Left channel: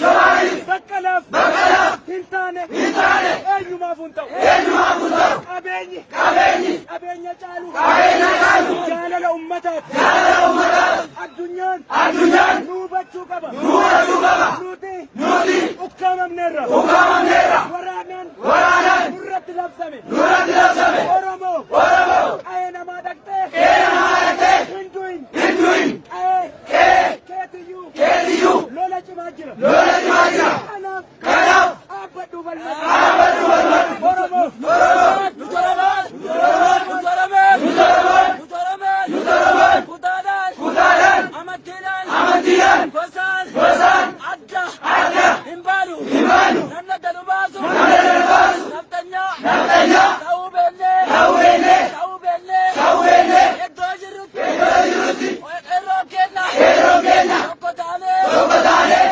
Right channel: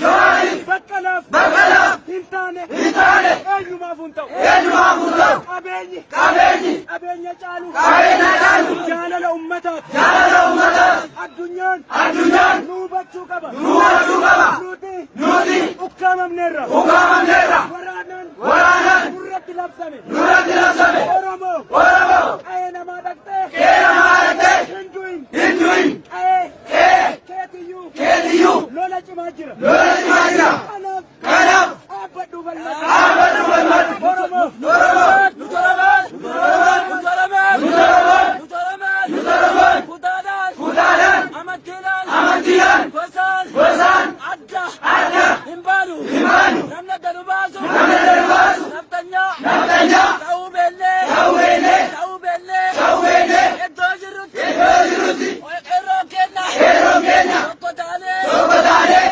jawarif, baqqaalaf, tane, enyumafiyu, qabenyi, calu, jalala ummatati, addunyan, nuti, nuti, ukkamamneerra, waranan, nurratti labsame, oromo, qaye nama dhaqxe, hinduin, qaye, ta.uu, lola cimaa jira.